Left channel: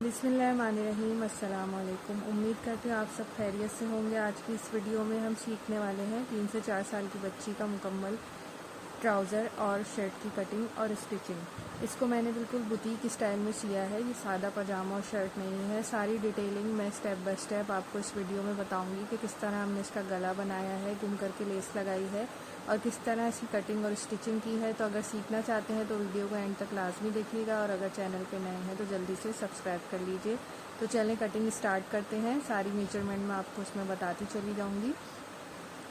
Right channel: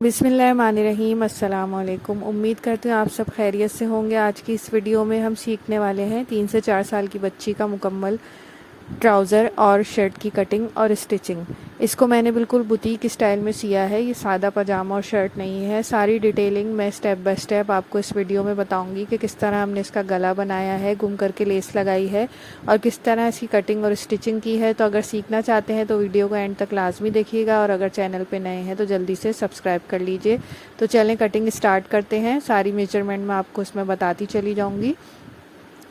बिस्मिल्लाहिर्रहमानिर्रहीम। अस्सलाम वालेकुम। उम्मीद करती हूँ आप सब खैरियत से होंगे। आज की इस वीडियो में हम सीखने वाले हैं 3 से 4 साल की बच्ची का मुकम्मल ट्राउज़र और शर्ट की कटिंग और स्टिचिंग। इसको मैंने बिल्कुल बुटीक स्टाइल में सिया है। ये सादा पजामा और शर्ट नहीं है। सारी डिटेलिंग मैं स्टेप बाय स्टेप आपको इस वीडियो में बताऊंगी कि किस तरह हमने इसका गला बनाया है, गुम करके लेस लगाई है और किस तरह इसकी कटिंग और स्टिचिंग की है। तो अगर सीखना चाहते हैं तो वीडियो को एंड तक लाजमी देखिएगा और अगर चैनल पर नए हैं तो जल्दी से सब्सक्राइब कर लीजिए। तो चलें कटिंग स्टार्ट करते हैं। सारी मेजरमेंट मैं आपको इसमें बताती चली जाऊँगी।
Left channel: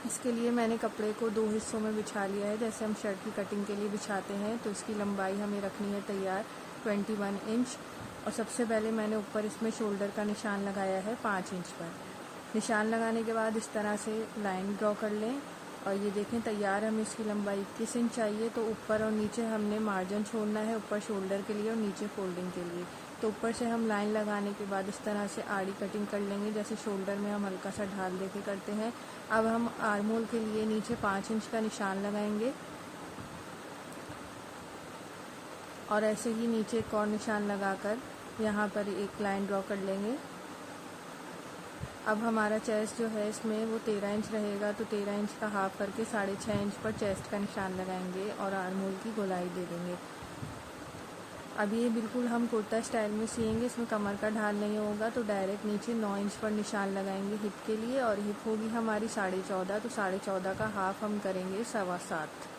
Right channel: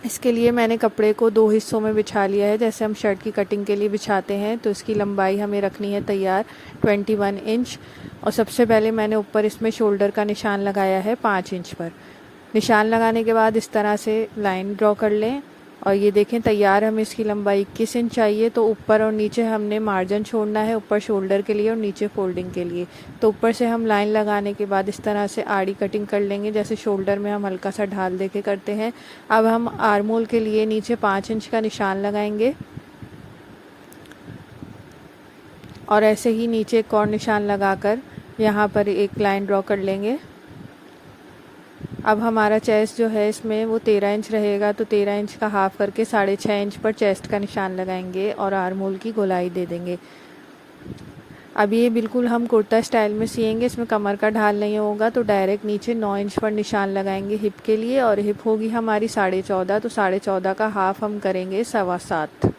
इसके लिए मैंने कपड़े को 2 हिस्सों में बिछा लिया है, जैसे हम शर्ट की कटिंग के लिए बिछाते हैं। तो इसकी लंबाई हमें रखनी है तैयार 21 इंच। और सबसे पहले मैंने ऊपर इसमें शोल्डर का निशान लगाया है 5 इंच पर। निशान लगाने के बाद इस तरह से लाइन ड्रॉ कर लें और ये देखें तैयार हमें इसकी लंबाई 21 इंच चाहिए। तो ऊपर और नीचे हमने मार्जिन छोड़ना है, ऊपर शोल्डर के लिए और नीचे फोल्डिंग के लिए। तो ऊपर से हम लाइन लगाने के बाद इस तरह से आड़ी कटिंग कर लेंगे, जैसे शोल्डर में हम हल्का सा ढाल दे के करते हैं। अब हम आर्म होल के लिए नीचे 5 इंच का निशान लगाएंगे और ऐसे ही नीचे एक और निशान लगाकर यहाँ पर एक लाइन ड्रॉ कर लेंगे। अब हमारा चेस्ट जो है इसमें वो 13 इंच रहेगा, तो 13 इंच का हाफ करके 6.5 इंच पर चेस्ट का निशान लगाएंगे और आर्म होल की गोलाई दे देंगे। अब ये बिल्कुल हम कुर्ता स्टाइल में सिएंगे, इसमें कमर का ढाल नहीं होगा। तो डायरेक्ट नीचे 9 इंच पर निशान लगाएंगे हिप के लिए और हिप होगी हमारी 14.5। तो 14.5 का हाफ हम करेंगे 7.25।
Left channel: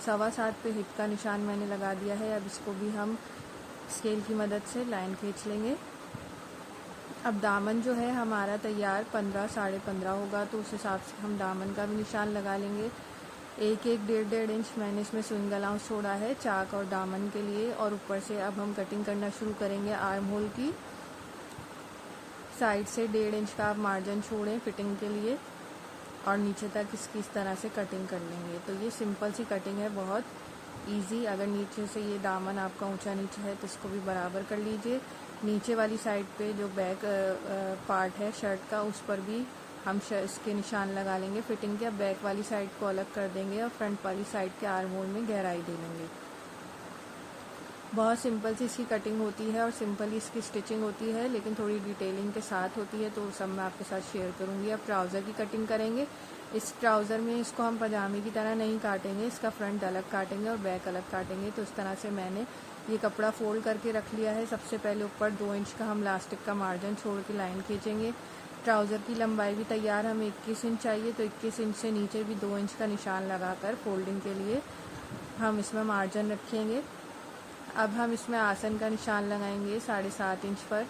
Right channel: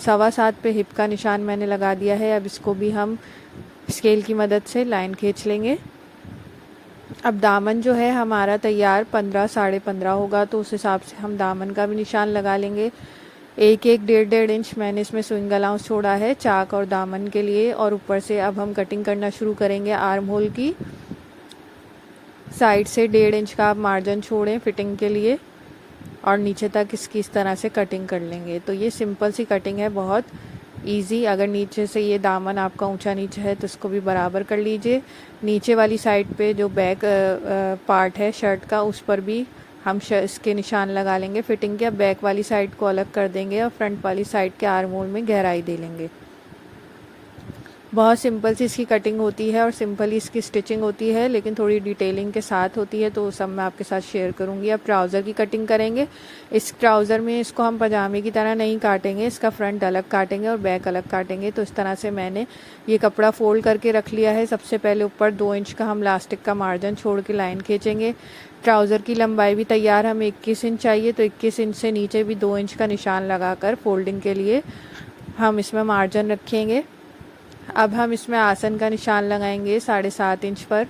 7.25 पे हिप का निशान मैंने लगा दिया है। अब इसको भी हम स्केल की मदद से लाइन खींच लेंगे। अब दामन जो है हमारा तैयार 15 15.5 होगा, तो उस हिसाब से हम दामन का भी निशान लगा लेंगे। 1-1 इंच मैंने इसमें स्विंग अलाउंस छोड़ा है चाक और दामन के लिए। और ऊपर से अब हम कटिंग करना शुरू करेंगे आर्म होल की। साइड से 1.5 इंच का आप मार्जिन छोड़ें फिटिंग के लिए और नीचे तक इसकी इस तरह से कटिंग कर लेंगे। तो ये सिंपल सी कटिंग है, बहुत इजी। अगर नीचे से ये दामन आपका ऊंचा नीचे है तो इसको भी बराबर कर लीजिए। नीचे वाली साइड पे जो बैक पार्ट है शर्ट का, उस पर भी हम इसके निशान लगा लेंगे फिटिंग के। अब बैक वाली साइड को अलग कर देंगे और फ्रंट वाली साइड के आर्म होल में गहराई दे लेंगे। बहुत सिंपल सी इसकी कटिंग होती है और सिंपल ही इसकी स्टिचिंग होती है, लेकिन थोड़ी डिटेलिंग के साथ होती है, तो सब मैं आपके साथ शेयर करूँगी। अब ट्राउज़र की कटिंग करेंगे। इस ट्राउज़र में इसको हम पजामे की तरह नहीं काटेंगे, इसका फ्रंट अलग काटेंगे और बैक अलग काटेंगे। तो इस तरह से मैंने ये कपड़ा फोल्ड करके रख लिया है। सबसे पहले ऊपर 2 इंच का हम लास्टिक का मार्जिन छोड़ के लाइन खींचेंगे। ट्राउज़र की लंबाई भी तैयार हमें 21 इंच चाहिए, तो 21 इंच से नीचे भी 2 इंच का निशान लगाकर फोल्डिंग के लिए हम इसमें मार्जिन रखेंगे। अब हम इसमें आसन का निशान लगाएंगे 7.5 इंच पर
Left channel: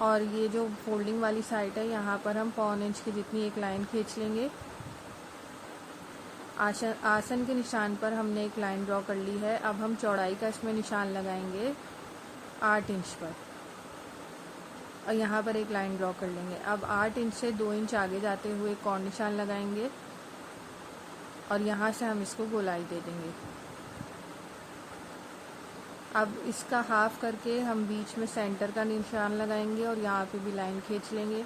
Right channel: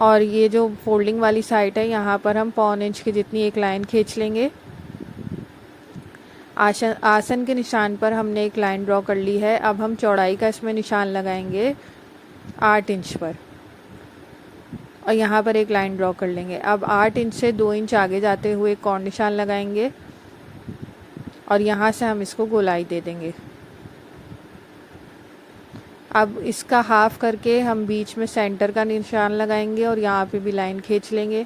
और ये जो फोल्डिंग वाली साइड है यहाँ पर हम 1.25 इंच की जितनी एक लाइन खींच लेंगे। आसन के निशान पर हमने एक लाइन ड्रॉ कर ली है। अब हम चौड़ाई का इसमें निशान लगाएंगे 8 इंच पर और यहाँ पर एक लाइन ड्रॉ कर लेंगे। अब 8 इंच से 2 इंच आगे जाते हुए एक और निशान लगाएंगे और यहाँ से हम इसको गोलाई दे देंगे। अब इसका हाफ करके हम बीच में सेंटर का निशान लगाएंगे और यहाँ पे भी लाइन खींच लेंगे।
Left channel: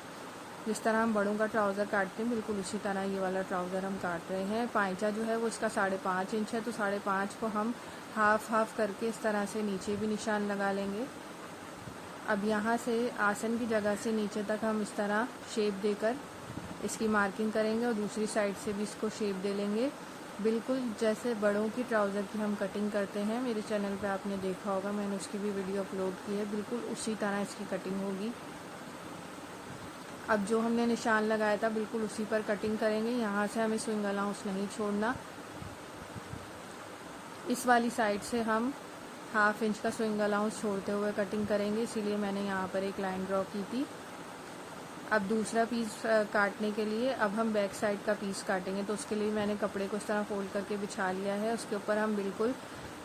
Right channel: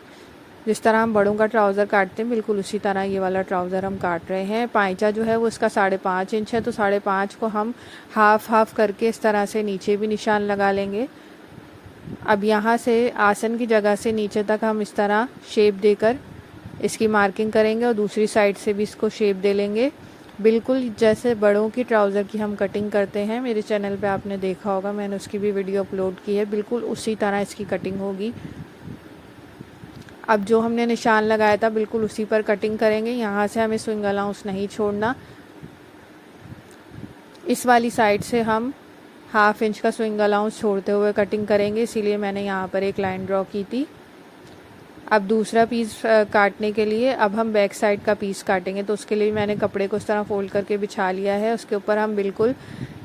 जिस तरह हम बड़ों का ट्राउज़र काटते हैं बिल्कुल उसी तरह ये वाला ट्राउज़र हम काट रहे हैं। पाइचा जो है वो इसका 5.5 इंच है, तो 5.5 को हम हाफ करके इस तरह से नीचे भी निशान लगा लेंगे। अब यहाँ से आसन की जगह से नीचे तक हम इस तरह शेप देकर इसकी मार्किंग करेंगे और दूसरी साइड से भी इसको शेप दे लेंगे, बिल्कुल जैसे बड़ों की ट्राउज़र की हम कटिंग करते हैं। मेरे चैनल पे आपने देखा होगा, मैंने उसकी भी वीडियो अपलोड की है। बिल्कुल उसी तरह इसकी कटिंग होगी। अब जो हमने निशान लगाया था बिल्कुल उसी पर कटिंग करेंगे। यहाँ से हमें स्विंग अलाउंस नहीं छोड़ना। इस वाली साइड से हम 1/2 इंच का स्विंग अलाउंस छोड़ते हुए कटिंग करेंगे, इसीलिए मैंने यहाँ पर एक लाइन ड्रॉ की थी। अब दूसरा पीस काटने के लिए अब हम बैक साइड का पीस काटेंगे, तो उसके लिए मैंने कपड़े को इस तरह फोल्ड करके बिछा लिया है। उसके ऊपर हम बिल्कुल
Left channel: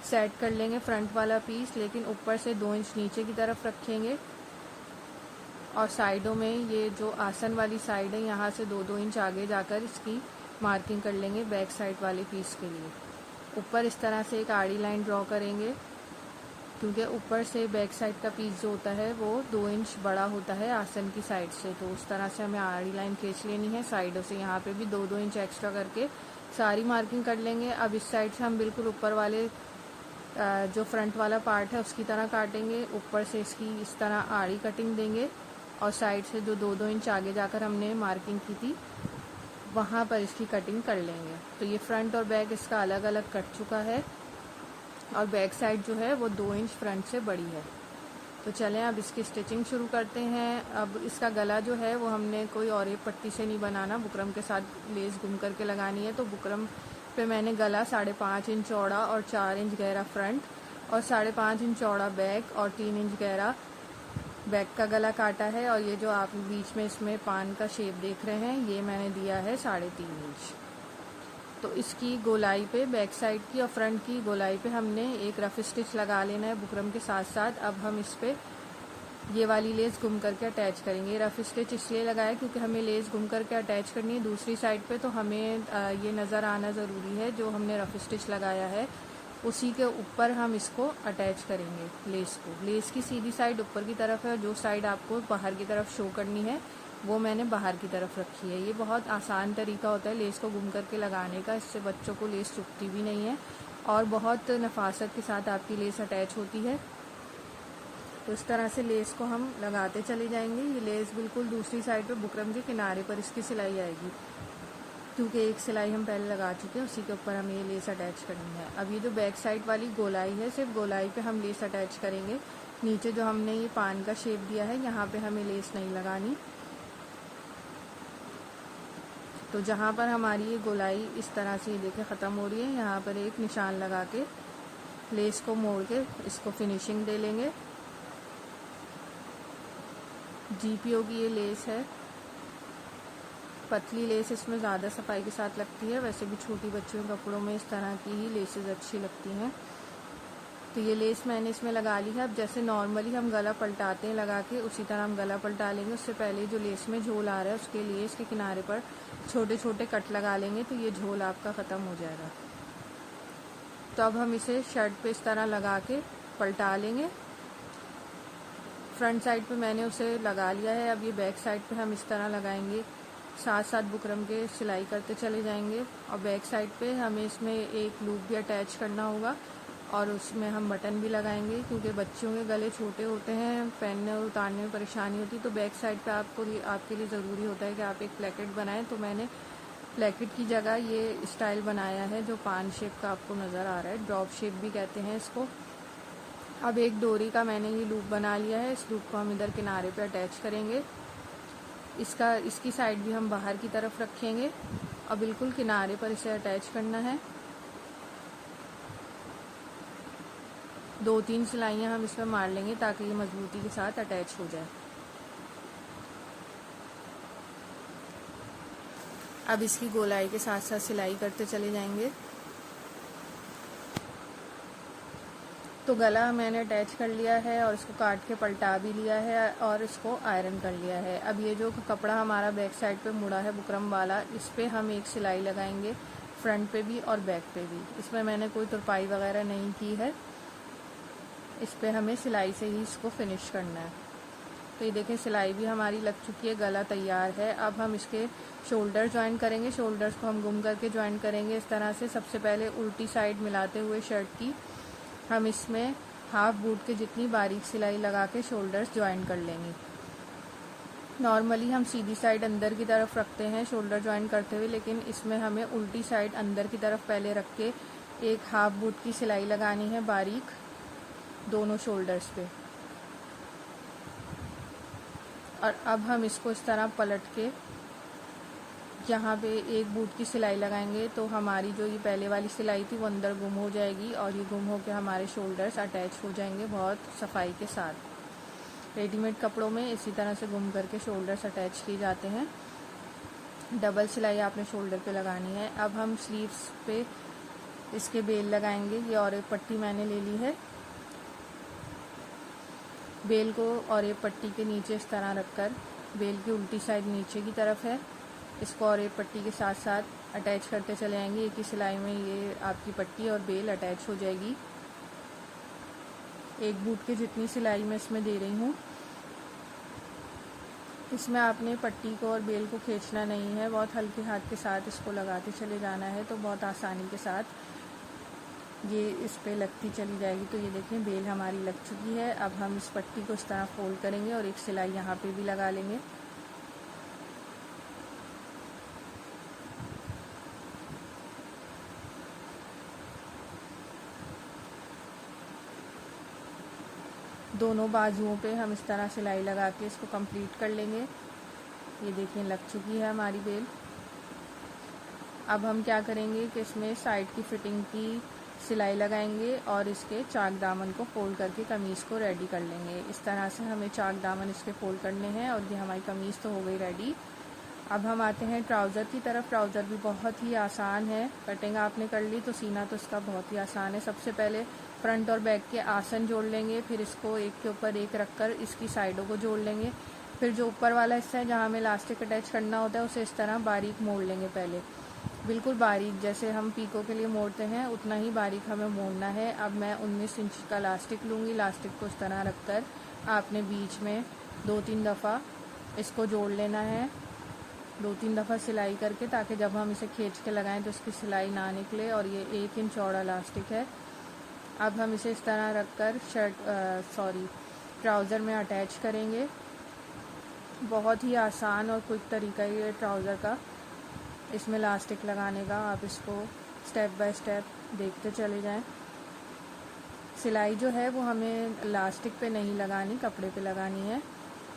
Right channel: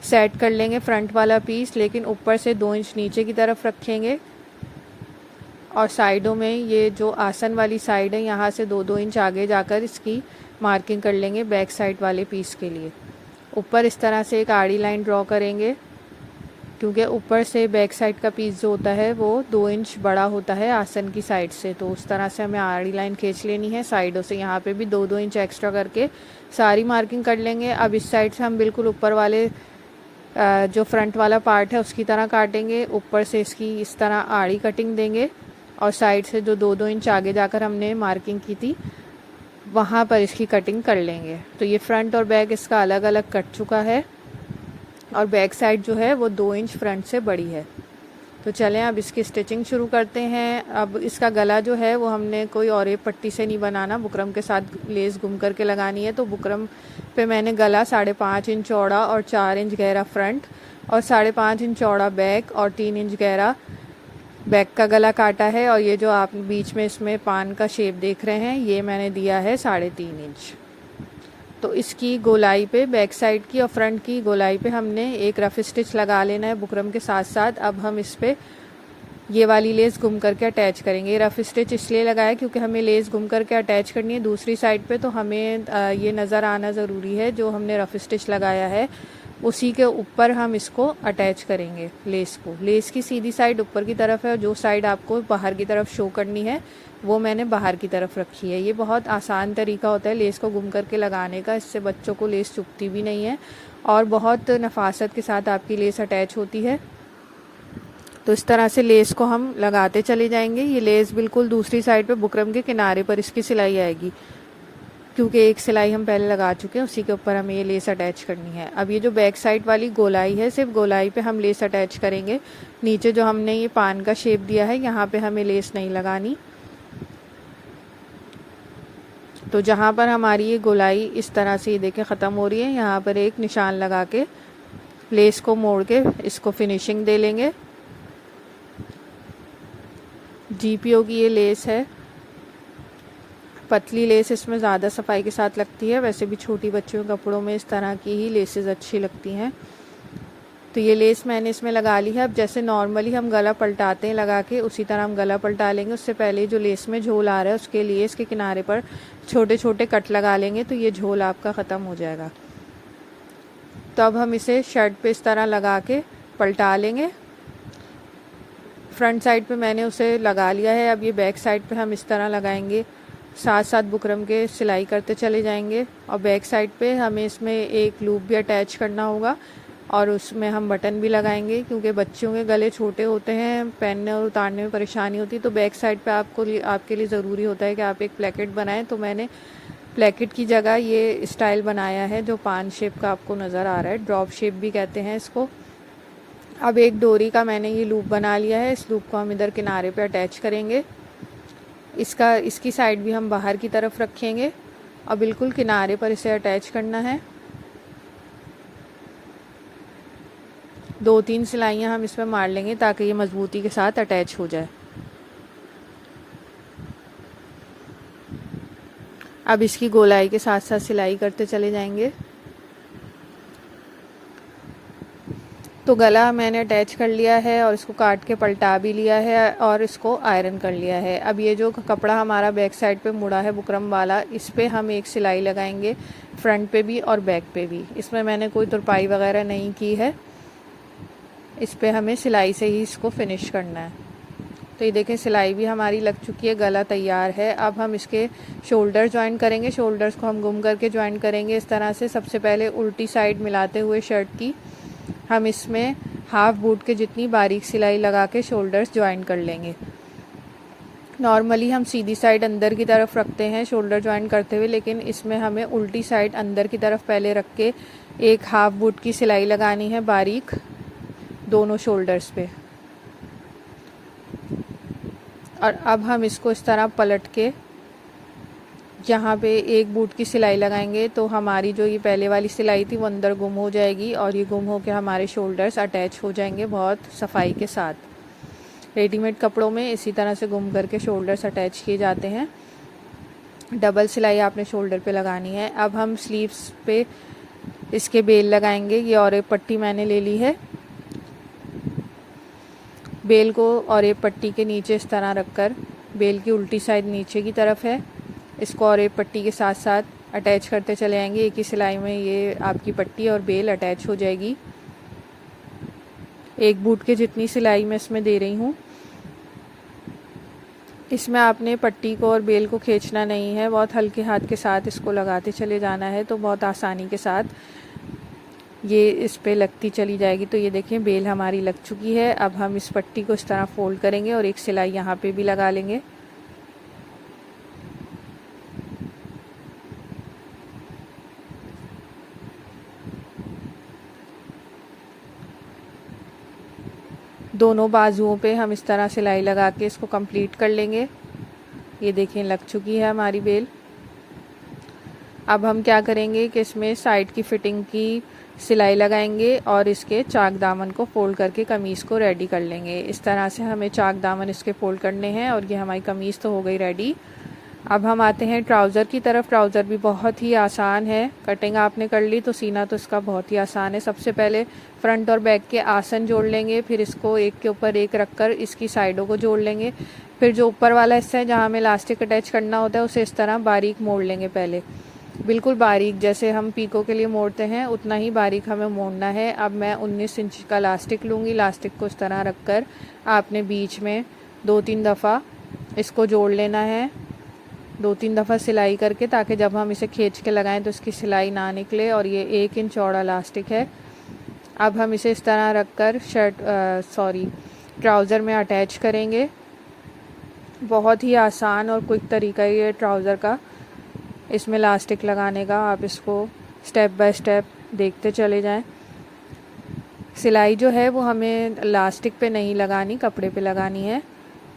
सेट कर लेंगे फ्रंट वाला पीस, लेकिन ऊपर से 2 इंच नीचे की तरफ रखेंगे और साइडों में ये जो आसन वाली साइड है यहाँ से 2-2 इंच आगे जाकर इसकी मार्किंग कर लेंगे बैक साइड वाले पीस के लिए। ऊपर इस तरह से एक आड़ी लाइन ड्रॉ करेंगे, क्योंकि ऊपर से बैक साइड का पीस जो होता है वो 2 इंच बड़ा होता है आसन की साइड से, तो उस तरह से हमें आड़ी लाइन खींच लेनी है। साइडों से यहाँ पे भी 2-2 इंच एक्स्ट्रा करके सारी मार्किंग कर लेंगे। अब इस साइड से हम बिल्कुल ऊपर वाले जो फ्रंट वाला पार्ट है उसकी तरह काटेंगे, ऊपर से इसकी इस तरह आड़ी कटिंग देंगे और साइड से जो 2-2 इंच आगे जाकर हमने मार्किंग की थी वहाँ पर इसकी कटिंग कर लेंगे। तो ये फ्रंट और बैक इसका अलग अलग कट चुका है और बैक साइड जो है वो 2 इंच फ्रंट से बड़ी है। तो चलें अब इसकी स्टिचिंग शुरू करते हैं। अब इसका गला जो है वो हमने कोई और एक पट्टी से नहीं बनाना, बुकरम के साथ लेस गुम करके लगानी है। तो बुकरम पे मैंने गला 5.5 इंच चौड़ा और 4 इंच गहरा फ्रंट और 5.5 इंच चौड़ा बैक और 3 इंच गहरा बैक का गला काटा है। और ये जो आप बीच में इसमें पान का शेप देख रहे हैं ये मैंने दिया है 3.5 इंच। तो इसकी गोलाई पे बैक साइड की और फ्रंट की गोलाई पे हमने एक रफ स्टिच लगा लेना है बुकरम के साथ साथ। अब हम इस पे ये वाली लेस गुम करके अटैच करेंगे। रफ स्टिच इसलिए लगाया क्योंकि हमें लेस गुम करके अटैच करनी है दूसरी साइड पे, तो हमें ये नज़र आना ज़रूरी है जो हमने रफ स्टिच लगाया है उसी के ऊपर हम इसको अटैच करेंगे लेस को। लेस की सीधी साइड ऊपर की तरफ है और जो साइड आपको बाहर की तरफ शो करनी है वो मैंने बाहर की तरफ रखी है। ये बहुत आसान तरीका होता है लेस को गुम करके लगाने का, इससे बच्चों को लेस चुभती भी नहीं है और बहुत नफासत के साथ आपकी लेस अटैच होती है। तो इस तरह से लेस को हम लगाते चले जाएंगे। ये लेस बिल्कुल दूसरी साइड पे बुकरम के किनारे पर इसकी सिलाई आएगी क्योंकि एक सिलाई हम पहले लगा चुके हैं, उसी के ऊपर हमें ये लेस अटैच करनी है। अब ये जो बैक साइड वाली गोलाई है सिर्फ गोलाई पे हम लेस अटैच करेंगे, नीचे जो हमने ये पान का शेप दिया है यहाँ पे हमें लेस नहीं लगानी। तो जहाँ पर हमारी ये गोलाई इस तरह से ये देखें ख़त्म हो रही है, यहाँ पर एक निशान लगा के लेस को मोड़ के इसको फिनिशिंग दे लेंगे। GPO की ये लेस है, पतली लेस इसमें ज़्यादा सफाई के साथ लगती है। वैसे भी छोटी बच्चों के कपड़ों में इस तरह की ही लेसेस अच्छी लगती हैं। तो ये लेस मैंने इसमें लगा ली है। अब जैसे नॉर्मली हम गला पलटाते हैं लगा के, उसी तरह हम गला पलटा लेंगे। उससे पहले जो लेस में झोल आ रहा है उसके लिए इसके किनारे पर छोटे छोटे कट लगा लेंगे तो ये झोल आपका ख़त्म हो जाएगा। तो अब हम इसे शर्ट पे इस तरह लगा के पलटा लेंगे। फ्रंट साइड पे मैंने उसे लगा लिया है। अब ये बैक साइड पे हम इस तरह लगाएंगे, साथ साथ बुकरम के सिलाई करते चले जाएंगे। और बैक साइड पे हमें इसमें एक लूप भी अटैच करना होगा और उसमें हम बटन भी लगाएंगे क्योंकि बच्चों के गले छोटे होते हैं, पहनने और उतारने में परेशानी होती है। तो बैक साइड पे आपके लिए ज़रूरी होता है कि आप एक प्लेकेट बनाएं। तो मैंने प्लेकेट की जगह ये स्टाइल बनाया है जो पान शेप का आपको नज़र आ रहा है, ड्रॉप शेप भी कहते हैं इसको। अब एक डोरी का मैंने ये लूप बना लिया है, इस लूप को हम इधर किनारे पे अटैच करेंगे। इसकी साइड भी हम बाहर की तरफ रखेंगे और बिल्कुल किनारे पर इसे अटैच करना है। 2-3 सिलाइयाँ हम इसमें मार लेंगे ताकि ये मजबूती के साथ अटैच हो जाए। अब इसकी गोलाई के साथ साथ सिलाई करते चले जाएंगे। तो गला मैंने अटैच कर लिया है और इसको काट के पलटा भी लिया है और इसको आयरन कर लिया है। अब ये जो कपड़ा हमारा बैक साइड पे मुड़ा है बुकरम वाला, इस पे हम एक सिलाई लगाएंगे, फ्रंट पे भी और बैक पे भी। इसमें मैंने कोई तुरपाई वगैरह नहीं की है, इस पे हमें सिलाई से ही इसको फिनिश करना है। तो ये देखें सिलाई भी हमारी लग चुकी है, गला तैयार है। अब हम इसके शोल्डर ज्वाइन करेंगे। शोल्डर्स को हम गुम करके ज्वाइन करेंगे इस तरह से। सबसे पहले उल्टी साइड मिलाते हुए शर्ट की हम इसमें हाफ बूट के जितनी बारीक सिलाई लगा के शोल्डर्स ज्वाइन कर लेंगे। नॉर्मली हम सीधी साइड अंदर की तरफ रखते हैं शोल्डर ज्वाइन करते हुए, लेकिन इसमें हमें उल्टी साइड अंदर की तरफ पहले रख के एक हाफ बूट की सिलाई लगानी है बारीक दोनों शोल्डर्स पे। और अब हम इसको इस तरह पलट के यहाँ पे एक बूट की सिलाई लगाएंगे तो हमारी जो ये पहले वाली सिलाई थी वो अंदर गुम हो जाएगी और ये गुम हो के हमारे शोल्डर्स अटैच हो जाएंगे बहुत सफाई के साथ। रेडीमेड कपड़ों में इसी तरह से गुम करके शोल्डर्स अटैच किए जाते हैं। डबल सिलाई आपने शोल्डर पे लगानी है। अब हम स्लीव्स पे इसके बेल लगाएंगे। ये और एक पट्टी मैंने ले ली है। बेल को और एक पट्टी के नीचे इस तरह रखकर, बेल की उल्टी साइड नीचे की तरफ है, इसको और एक पट्टी के साथ साथ अटैच करते चले जाएंगे। एक ही सिलाई में ये आपकी पट्टी और बेल अटैच हो जाएगी। एक बूट के जितनी सिलाई मैं इसमें दे रही हूँ। इसमें आपने पट्टी को और बेल को खींचना नहीं है, बहुत हल्के हाथ के साथ इसको लगाते चले जाना है। तो बहुत आसानी के साथ ये इस पे लगती चली जाएगी। तो ये देखें बेल हमारी लग चुकी है। अब हम इस पट्टी को इस तरह फोल्ड करेंगे और एक सिलाई यहाँ पे भी लगा लेंगे। दोनों बाजुओं पे हम इस तरह सिलाई लगा के इसको कंप्लीट कर लेंगे। ये देखें लग चुकी है हमारी बेल। अब हम क्या करेंगे कि इसमें साइड की फिटिंग की सिलाई लगाएंगे और इसके चाक दामन को फोल्ड करके कमीज़ को रेडी कर लेंगे। इस तरह से हमें चाक दामन इसके फोल्ड करने हैं और ये हमारी कमीज़ तो हो गई रेडी। अब हम आते हैं ट्राउज़र की तरफ। ट्राउज़र भी बहुत ही आसान है। कटिंग आपने कर ली तो सीना तो इसका बहुत ही आसान है। सबसे पहले फ्रंट और बैक के आसन जोड़ लेंगे, फिर इसको एक के ऊपर एक रख कर इसकी साइडों को जोड़ लेंगे। फिर जो ऊपर वाला हिस्सा है जहाँ हमें इलास्टिक अटैच करना होता है उसे इस तरह बारीक मोड़ लेंगे। पहले बिल्कुल बारीक, जैसे हम पीको के लिए मोड़ते हैं उतना ही बारीक हमें मोड़ना है। अब मैं 19 इंच का इलास्टिक लूँगी। इलास्टिक को इस तरह रख कर आपने बीच में 2-3 दफ़ा इसको जोड़ लेना है, 2-3 दफ़ा सिलाई करके, ताकि जब हम इसे खींच के लगाएं तो इसकी सिलाई ना निकले। और ये 1 इंच चौड़ा इलास्टिक है। अब हम इसे इस तरह रख कर ट्राउज़र में अटैच करेंगे। बहुत ही आसान और क्विक तरीका है ये ट्राउज़र का इसमें इलास्टिक लगाने का। आप इसको स्टेप बाय स्टेप देखते चले जाएं। सिलाई जो है वो हमें इलास्टिक पे नहीं लगानी, कपड़े पे लगानी है।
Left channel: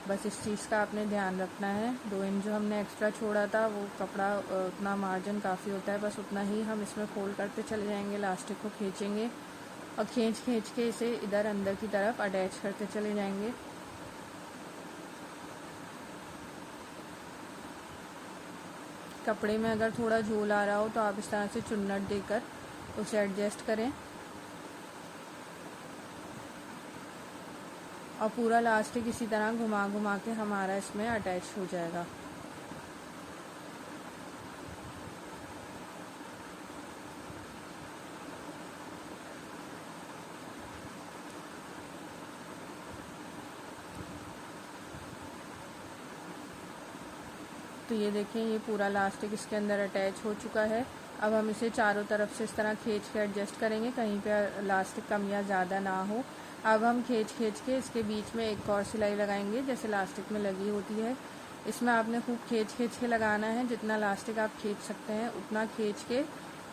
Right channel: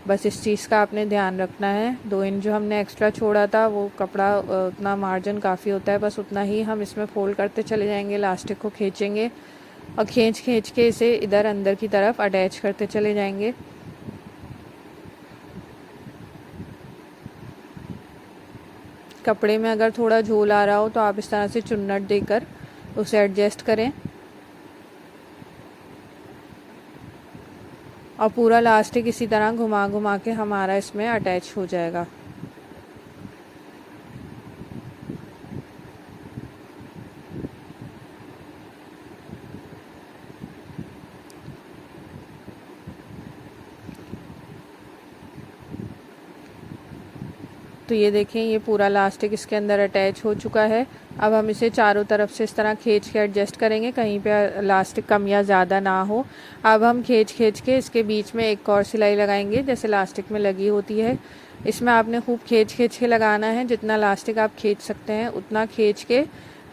बस इस चीज़ का आपने ध्यान रखना है। 2 इंच जो हमने एक्स्ट्रा छोड़ा था वो कपड़ा उतना मार्जिन काफ़ी होता है, बस उतना ही हम इसमें फोल्ड करते चले जाएंगे। इलास्टिक को खींचेंगे और खींच के इसे इधर अंदर की तरफ अटैच करते चले जाएंगे। कपड़े में अगर थोड़ा झोल आ रहा हो तो आप इस तरह से चुन्नट देकर उसे एडजस्ट करें और पूरा इलास्टिक इसी तरह घुमा घुमा के हमारा इसमें अटैच हो जाएगा। तो ये देखें ये पूरा इलास्टिक इसके अंदर अटैच हो चुका है। अब हम इसे चारों तरफ से इस तरह खींच के एडजस्ट करेंगे, कहीं पे इलास्टिक कम या ज़्यादा ना हो। अब हम खींच के इसके बीच में एक और सिलाई लगाएंगे जैसे इलास्टिक में लगी होती है। इसमें आपने खूब खींच के लगाना है। जितना इलास्टिक आप खींच सकते हैं उतना खींच के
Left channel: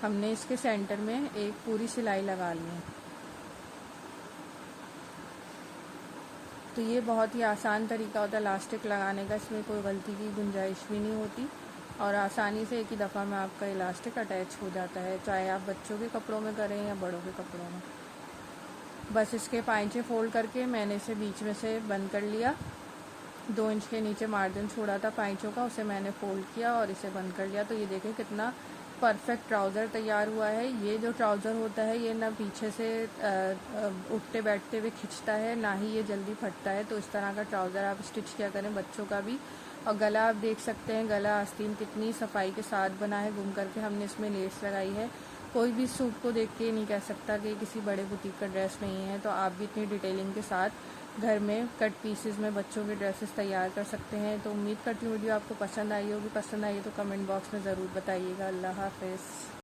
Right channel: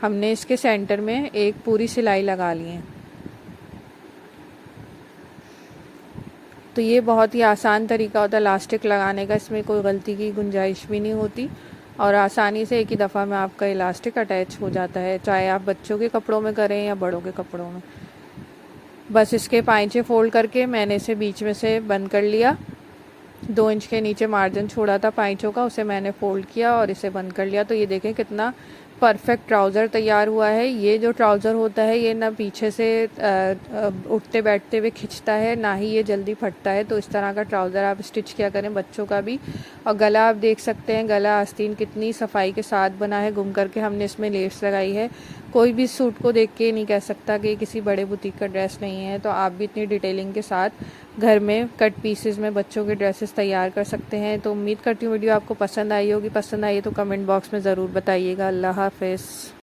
हमने इसके सेंटर में एक पूरी सिलाई लगा ली है। तो ये बहुत ही आसान तरीका होता है इलास्टिक लगाने का। इसमें कोई गलती की गुंजाइश भी नहीं होती और आसानी से एक ही दफ़ा में आपका इलास्टिक अटैच हो जाता है, चाहे आप बच्चों के कपड़ों में करें या बड़ों के कपड़ों में। बस इसके पाइंचे फोल्ड करके मैंने इसे बीच में से बंद कर लिया। 2 इंच के नीचे मार्जिन छोड़ा था पाइंचों का, उसे मैंने फोल्ड किया और इसे बंद कर लिया। तो ये देखें कितना परफेक्ट ट्राउज़र तैयार हुआ है। ये जो ट्राउज़र होता है ये ना पीछे से उठते बैठते हुए खिंचता है, ना ही ये जल्दी फटता है। तो इस तरह का ट्राउज़र आप स्टिच किया करें बच्चों का भी। और गला आप देख सकते हैं, गला आस्तीन कितनी सफाई के साथ बना है। गुम करके हमने इसमें लेस लगाई है। कोई भी सूट को देख के नहीं कह सकता कि किसी बड़े बुटीक का ड्रेस नहीं है। तो आप भी इतनी डिटेलिंग के साथ घर में कट पीसेस में बच्चों के ड्रेसेस तैयार कर सकते हैं। तो उम्मीद करती हूँ वीडियो आपको पसंद आई होगी। पसंद आई तो कमेंट बॉक्स में ज़रूर बताइएगा। अल्लाह हाफ़िज़।